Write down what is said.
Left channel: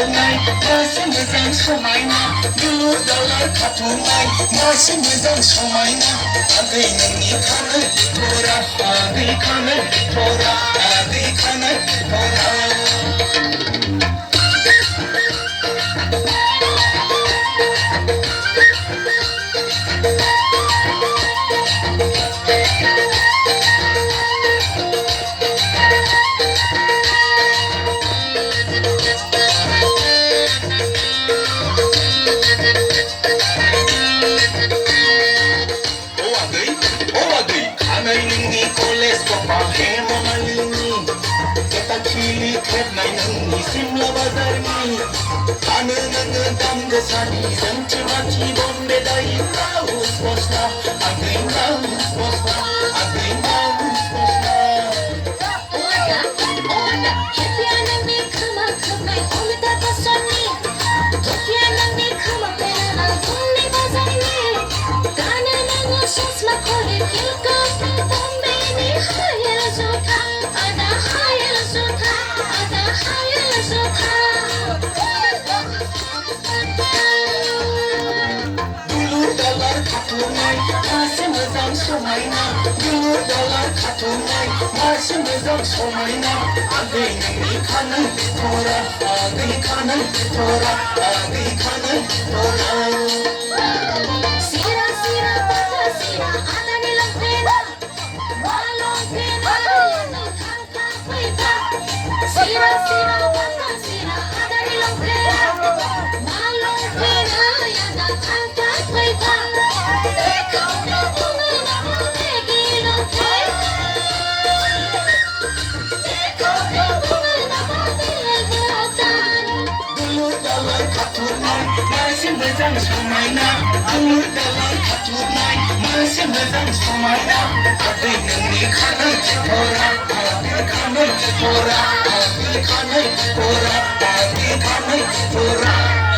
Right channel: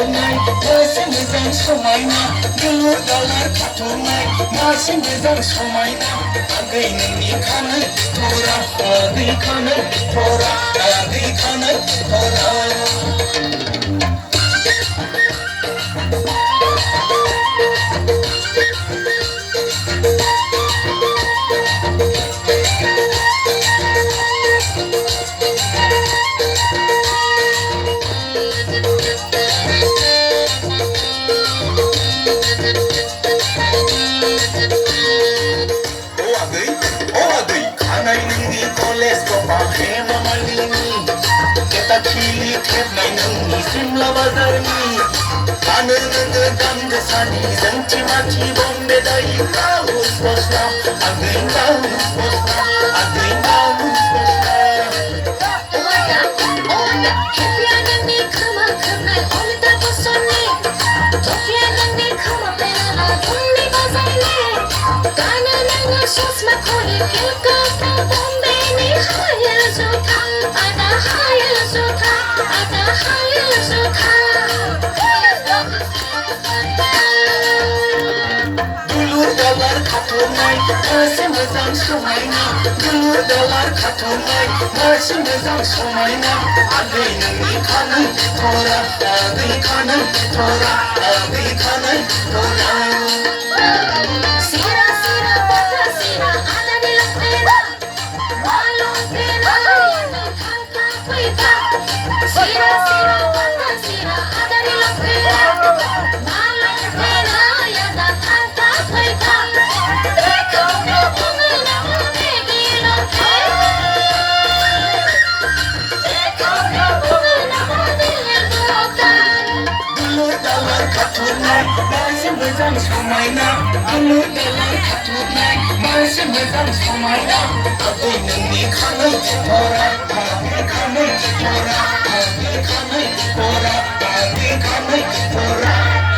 खाथुरनाय मासे मोजां समायना गोमो दावला खाथुरनाय मासे मोजां समायना आगै नोंनि खानाय थरा आगै खानाय थरा आगै खानाय थरा Kili kebnai nungi simla bazarni Anu nungu damde sani Zanchi machi bombe dai Raus bosla Agin raus bosla Agin raus bosla Oda Kepiana ni kama kabnai Omita bosoni Kepiana ni kama pelama Dumni bazarni Kana nungu susma kore Ilka bombe ni haya zuta Ada haya zuta Masih mazang sumaina, dulur dalar katunai. Masih mazang sumaina, agai nami kanai tora, agai kanai tora, agai kanai tora. Sira sira bata sira, ada di lantera, malong tera, yang kangkang kuita. Sira sira bata sira, ada di lantera, malong tera, yang kangkang kuita. Anu dalar katunai, masih mazang sumaina. Agai nungi kanai tora, agai kanai tora, agai kanai tora, agai kanai tora.